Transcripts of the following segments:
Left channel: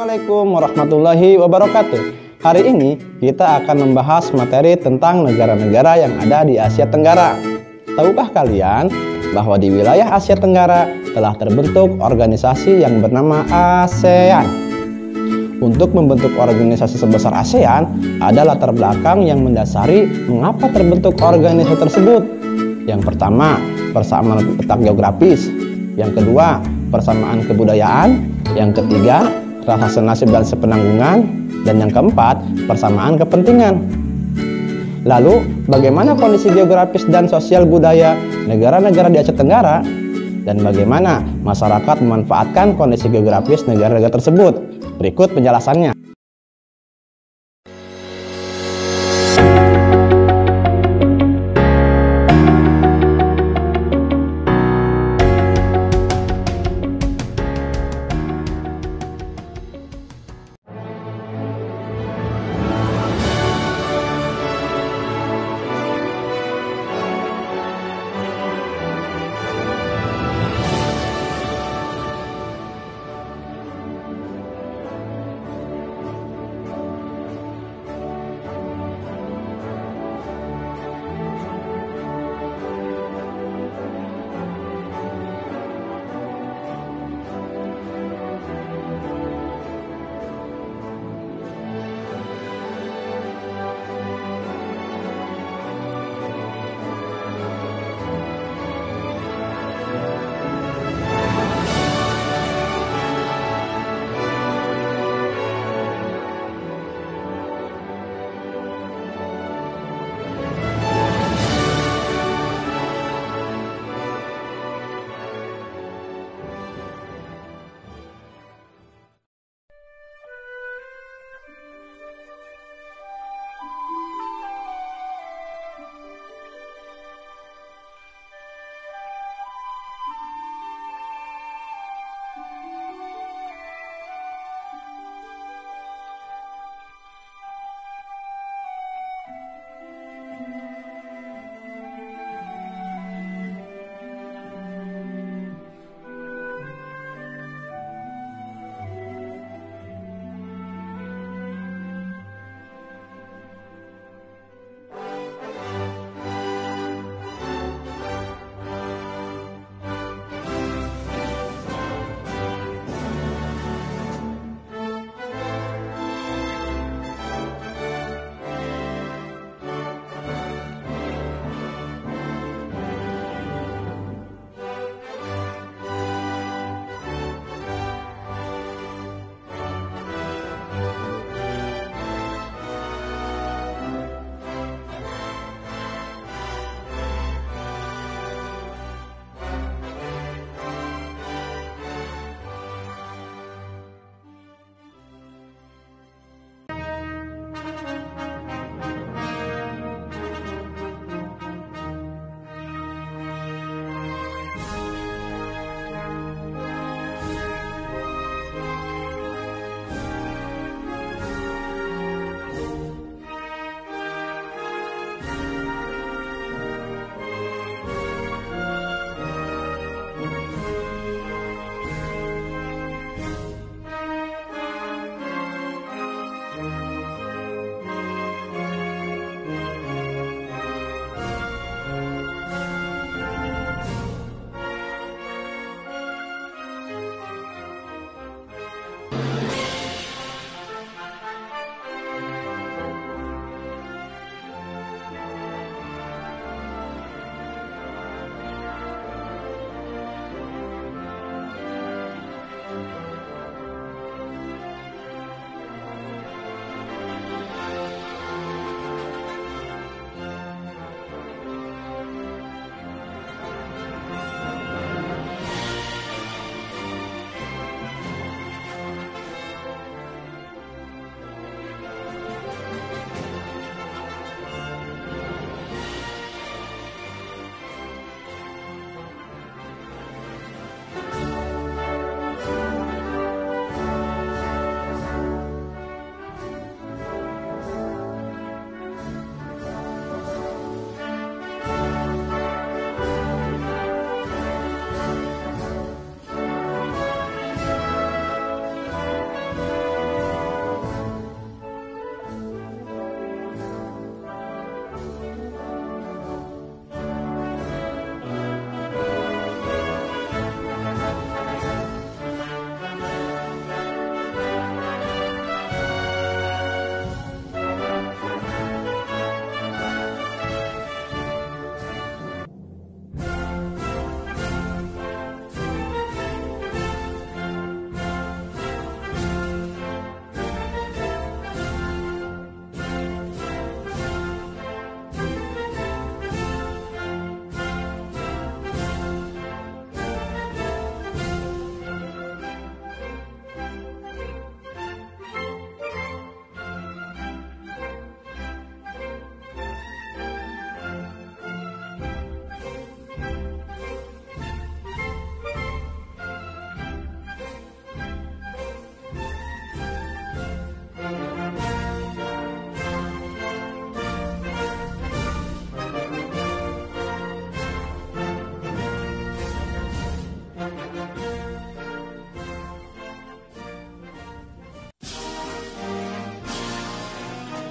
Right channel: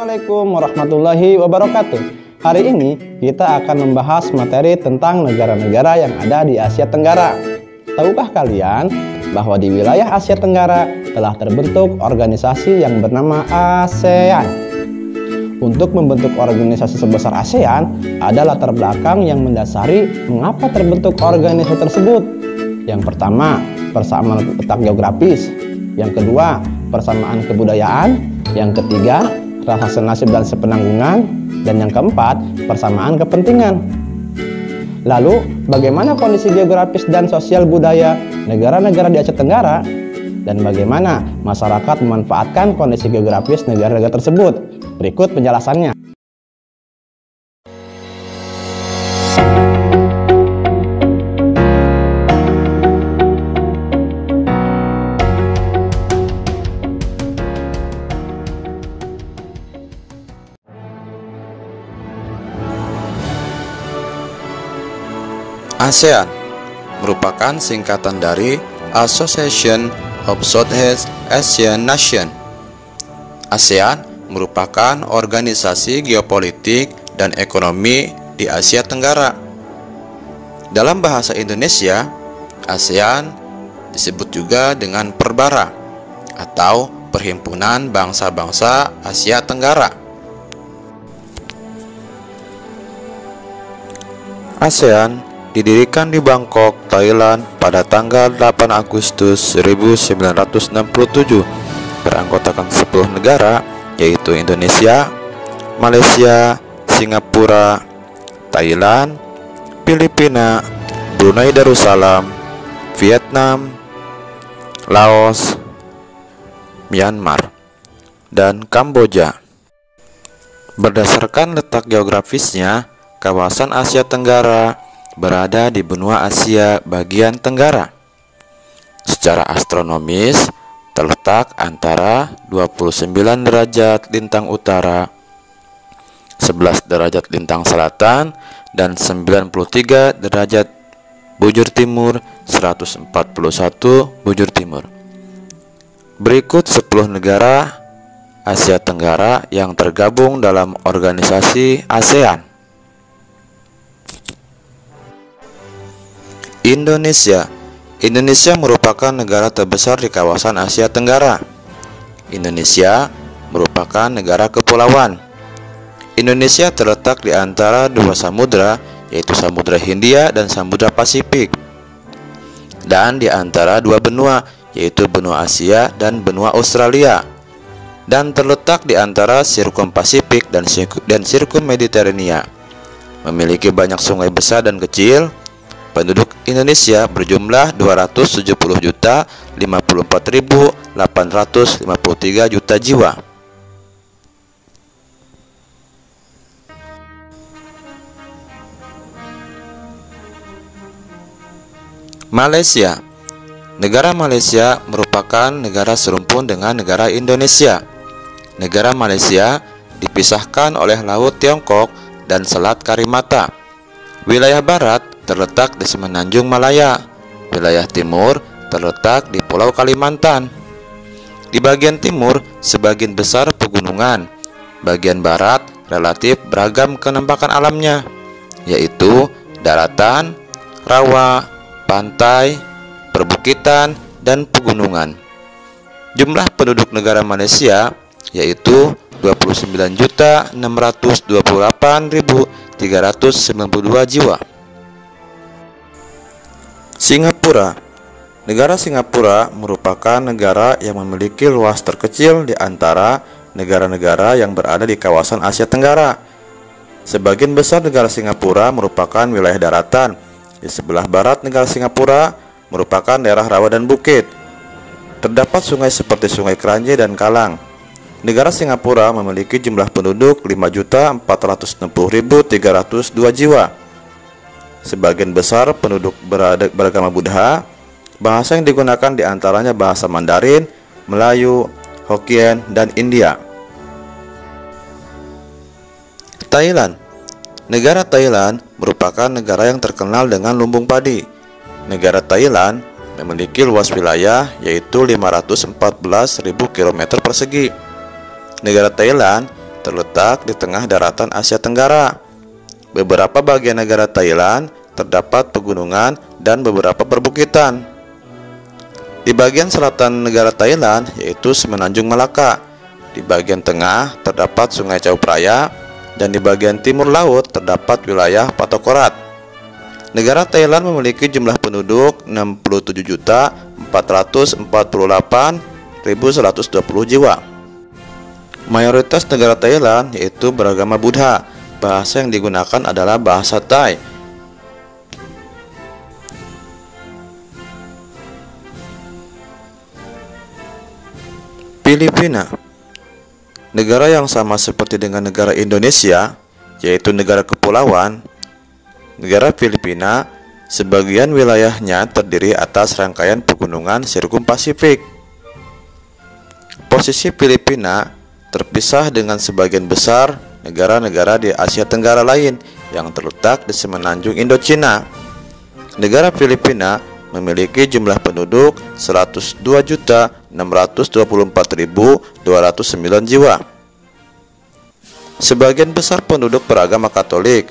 Assalamualaikum warahmatullahi wabarakatuh. Hari ini kita akan membahas materi tentang negara-negara yang ada di Asia Tenggara. Tahukah kalian bahwa di wilayah Asia Tenggara telah terbentuk organisasi yang bernama ASEAN? Untuk membentuk organisasi sebesar ASEAN, ada latar belakang yang mendasari mengapa terbentuk organisasi tersebut. Yang pertama, persamaan letak geografis. Yang kedua, persamaan kebudayaan. Yang ketiga, rasa senasib dan sepenanggungan. Dan yang keempat, persamaan kepentingan. Lalu, bagaimana kondisi geografis dan sosial budaya negara-negara di Asia Tenggara? Dan bagaimana masyarakat memanfaatkan kondisi geografis negara-negara tersebut? Berikut penjelasannya. ASEAN merupakan singkatan dari Association of Southeast Asian Nations. ASEAN merupakan organisasi geopolitik dan ekonomi di Asia Tenggara. Dalam bahasa Indonesia, ASEAN disebut juga dengan Perbara atau Perhimpunan Bangsa-Bangsa Asia Tenggara. ASEAN didirikan di Bangkok, Thailand pada tanggal 8 Agustus 1967, beranggotakan 10 negara yaitu Indonesia, Malaysia, Singapura, Thailand, Filipina, Brunei Darussalam, Vietnam, Laos, Myanmar, dan Kamboja. Berdasarkan letak geografisnya, kawasan Asia Tenggara berada di benua Asia bagian tenggara. Secara astronomis, terletak antara 29 derajat lintang utara, 11 derajat lintang selatan, dan 93 derajat bujur timur, 141 bujur timur. Berikut 10 negara Asia Tenggara yang tergabung dalam organisasi ASEAN. Indonesia. Indonesia merupakan negara terbesar di kawasan Asia Tenggara. Indonesia merupakan negara kepulauan. Indonesia terletak di antara dua samudra, yaitu Samudra Hindia dan Samudra Pasifik, dan di antara dua benua, yaitu benua Asia dan benua Australia, dan terletak di antara Sirkum Pasifik dan Sirkum Mediterania. Memiliki banyak sungai besar dan kecil. Penduduk Indonesia berjumlah 270.054.853 juta jiwa. Malaysia. Negara Malaysia merupakan negara serumpun dengan negara Indonesia. Negara Malaysia dipisahkan oleh Laut Tiongkok dan Selat Karimata. Wilayah barat terletak di Semenanjung Malaya. Wilayah timur terletak di Pulau Kalimantan. Di bagian timur sebagian besar pegunungan. Bagian barat relatif beragam kenampakan alamnya, yaitu daratan, rawa, pantai, perbukitan, dan pegunungan. Jumlah penduduk negara Malaysia yaitu 29.628.392 jiwa. Singapura. Negara Singapura merupakan negara yang memiliki luas terkecil di antara negara-negara yang berada di kawasan Asia Tenggara. Sebagian besar negara Singapura merupakan wilayah daratan. Di sebelah barat negara Singapura merupakan daerah rawa dan bukit. Terdapat sungai seperti Sungai Kranji dan Kalang. Negara Singapura memiliki jumlah penduduk 5.460.302 jiwa. Sebagian besar penduduk beragama Buddha. Bahasa yang digunakan diantaranya bahasa Mandarin, Melayu, Hokkien, dan India. Thailand. Negara Thailand merupakan negara yang terkenal dengan lumbung padi. Negara Thailand memiliki luas wilayah yaitu 514.000 km persegi. Negara Thailand terletak di tengah daratan Asia Tenggara. Beberapa bagian negara Thailand terdapat pegunungan dan beberapa perbukitan. Di bagian selatan negara Thailand yaitu Semenanjung Malaka. Di bagian tengah terdapat Sungai Chao Phraya dan di bagian timur laut terdapat wilayah Patokorat. Negara Thailand memiliki jumlah penduduk 67.448.120 jiwa. Mayoritas negara Thailand yaitu beragama Buddha. Bahasa yang digunakan adalah bahasa Thai. Filipina, negara yang sama seperti dengan negara Indonesia, yaitu negara kepulauan. Negara Filipina, sebagian wilayahnya terdiri atas rangkaian pegunungan sirkum Pasifik. Posisi Filipina terpisah dengan sebagian besar negara-negara di Asia Tenggara lain yang terletak di semenanjung Indochina. Negara Filipina memiliki jumlah penduduk 102.624.209 jiwa. Sebagian besar penduduk beragama Katolik.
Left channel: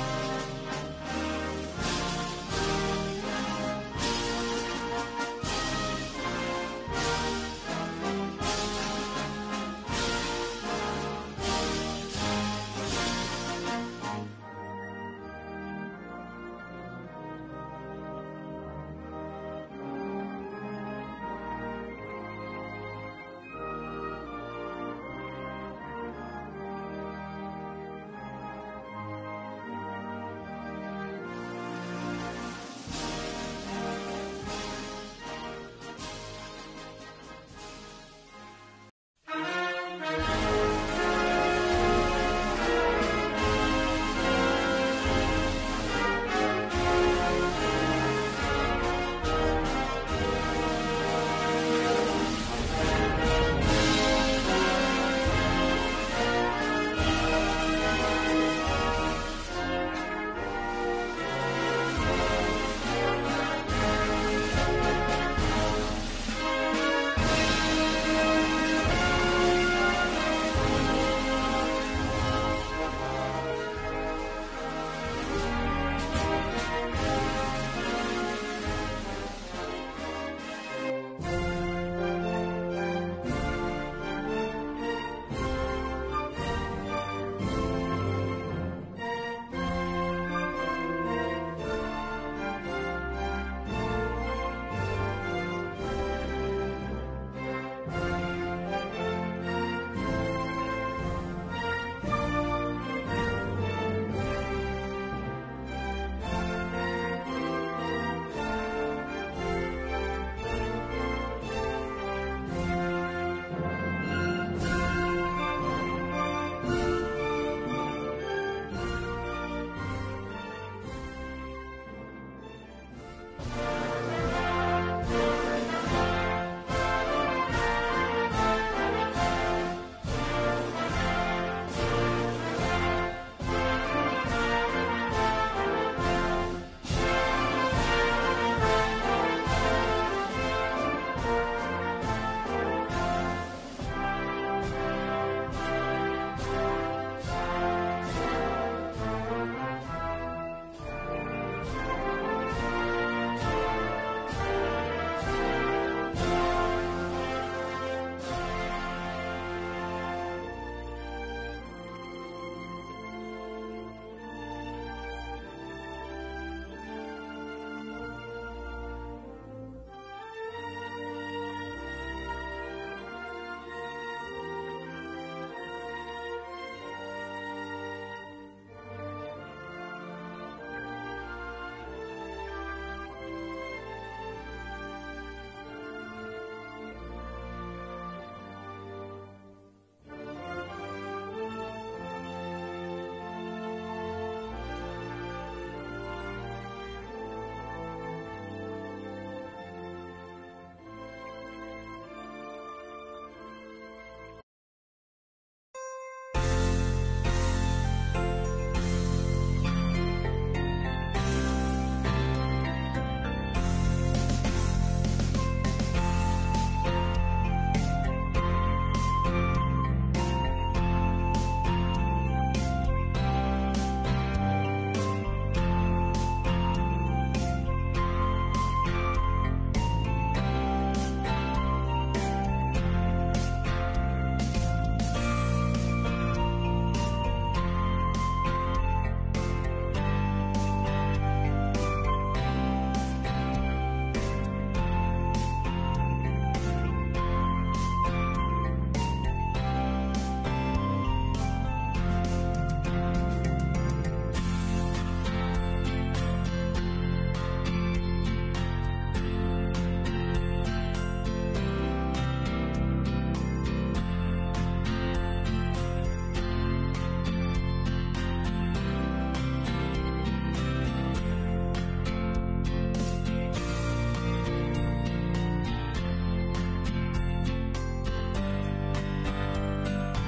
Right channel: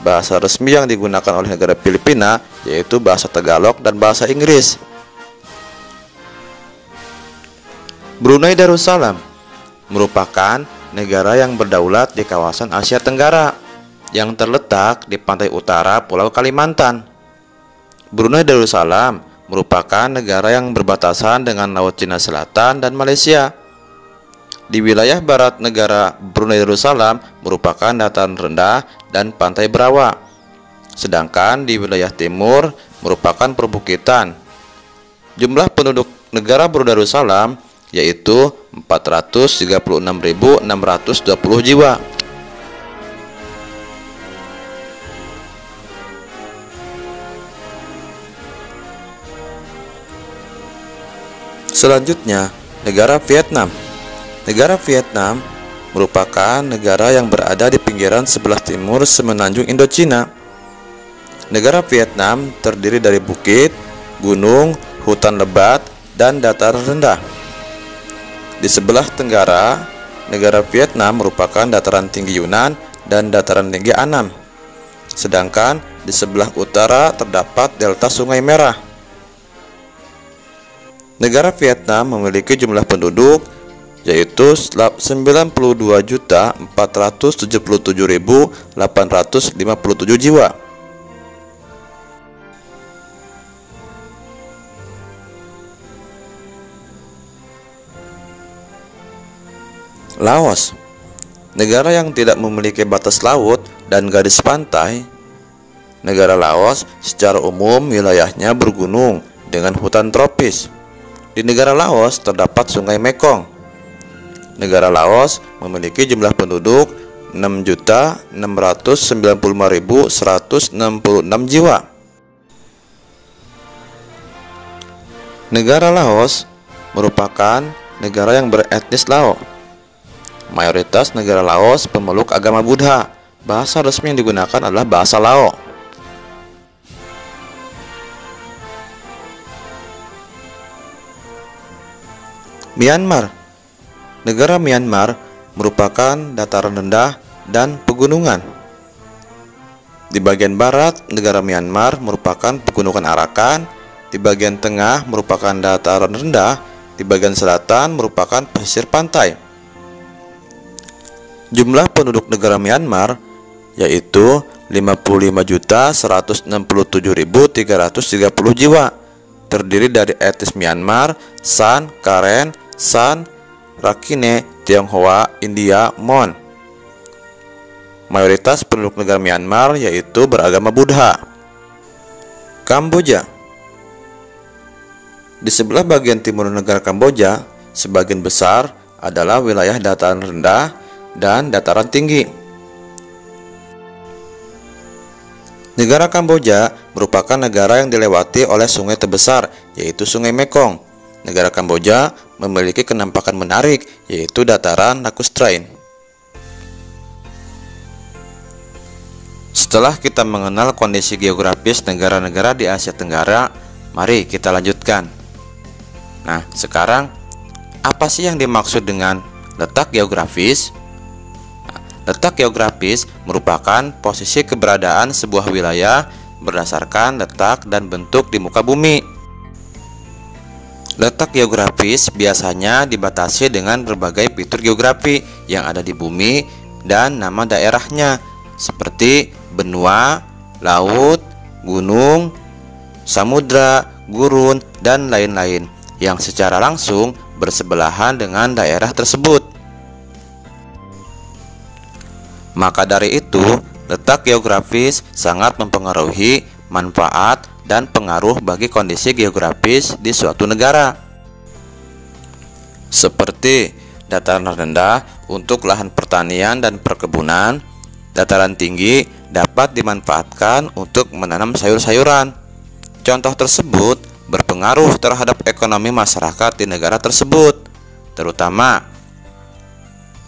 Bahasa resmi yang digunakan oleh negara Filipina yaitu bahasa Tagalog dan bahasa Inggris. Brunei Darussalam merupakan negara yang berdaulat di kawasan Asia Tenggara yang terletak di pantai utara Pulau Kalimantan. Brunei Darussalam merupakan negara yang berbatasan dengan Laut Cina Selatan dan Malaysia. Di wilayah barat negara Brunei Darussalam merupakan dataran rendah dan pantai berawa. Sedangkan di wilayah timur merupakan perbukitan. Jumlah penduduk negara Brunei Darussalam yaitu 436.620 jiwa. Selanjutnya, negara Vietnam. Negara Vietnam merupakan negara yang berada di pinggiran sebelah timur semenanjung Indochina. Negara Vietnam terdiri dari bukit, gunung, hutan lebat, dan dataran rendah. Di sebelah tenggara, negara Vietnam merupakan dataran tinggi Yunan dan dataran tinggi Annam. Sedangkan di sebelah utara terdapat delta Sungai Merah. Negara Vietnam memiliki jumlah penduduk yaitu 92.477.857 jiwa. Laos, negara yang tidak memiliki batas laut dan garis pantai. Negara Laos secara umum wilayahnya bergunung dengan hutan tropis. Di negara Laos terdapat Sungai Mekong. Negara Laos memiliki jumlah penduduk 6.695.166 jiwa. Negara Laos merupakan negara yang beretnis Lao. Mayoritas negara Laos pemeluk agama Buddha. Bahasa resmi yang digunakan adalah bahasa Lao. Myanmar. Negara Myanmar merupakan dataran rendah dan pegunungan. Di bagian barat, negara Myanmar merupakan pegunungan Arakan. Di bagian tengah merupakan dataran rendah. Di bagian selatan merupakan pesisir pantai. Jumlah penduduk negara Myanmar yaitu 55.167.330 jiwa, terdiri dari etnis Myanmar, San, Karen, San, Rakhine, Tionghoa, India, Mon. Mayoritas penduduk negara Myanmar yaitu beragama Buddha. Kamboja. Di sebelah bagian timur negara Kamboja, sebagian besar adalah wilayah dataran rendah dan dataran tinggi. Negara Kamboja merupakan negara yang dilewati oleh sungai terbesar, yaitu Sungai Mekong. Negara Kamboja memiliki kenampakan menarik, yaitu dataran Laku Strain. Setelah kita mengenal kondisi geografis negara-negara di Asia Tenggara, mari kita lanjutkan. Nah, sekarang apa sih yang dimaksud dengan letak geografis? Letak geografis merupakan posisi keberadaan sebuah wilayah berdasarkan letak dan bentuk di muka bumi. Letak geografis biasanya dibatasi dengan berbagai fitur geografi yang ada di bumi dan nama daerahnya, seperti benua, laut, gunung, samudra, gurun, dan lain-lain yang secara langsung bersebelahan dengan daerah tersebut. Maka dari itu, letak geografis sangat mempengaruhi manfaat dan pengaruh bagi kondisi geografis di suatu negara. Seperti dataran rendah untuk lahan pertanian dan perkebunan, dataran tinggi dapat dimanfaatkan untuk menanam sayur-sayuran. Contoh tersebut berpengaruh terhadap ekonomi masyarakat di negara tersebut, terutama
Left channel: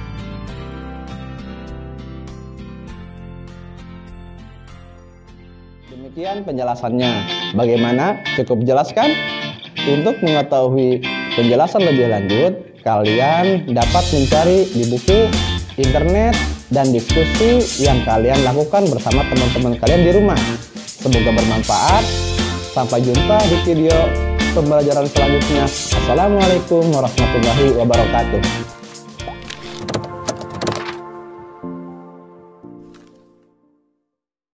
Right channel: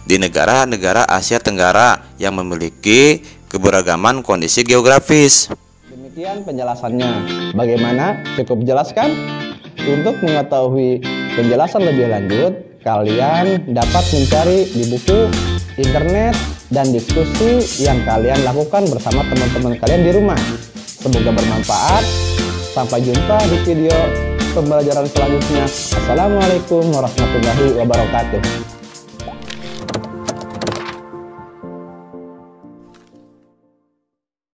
di negara-negara Asia Tenggara yang memiliki keberagaman kondisi geografis. Demikian penjelasannya. Bagaimana? Cukup jelaskan? Untuk mengetahui penjelasan lebih lanjut, kalian dapat mencari di buku, internet, dan diskusi yang kalian lakukan bersama teman-teman kalian di rumah. Semoga bermanfaat. Sampai jumpa di video pembelajaran selanjutnya. Assalamualaikum warahmatullahi wabarakatuh.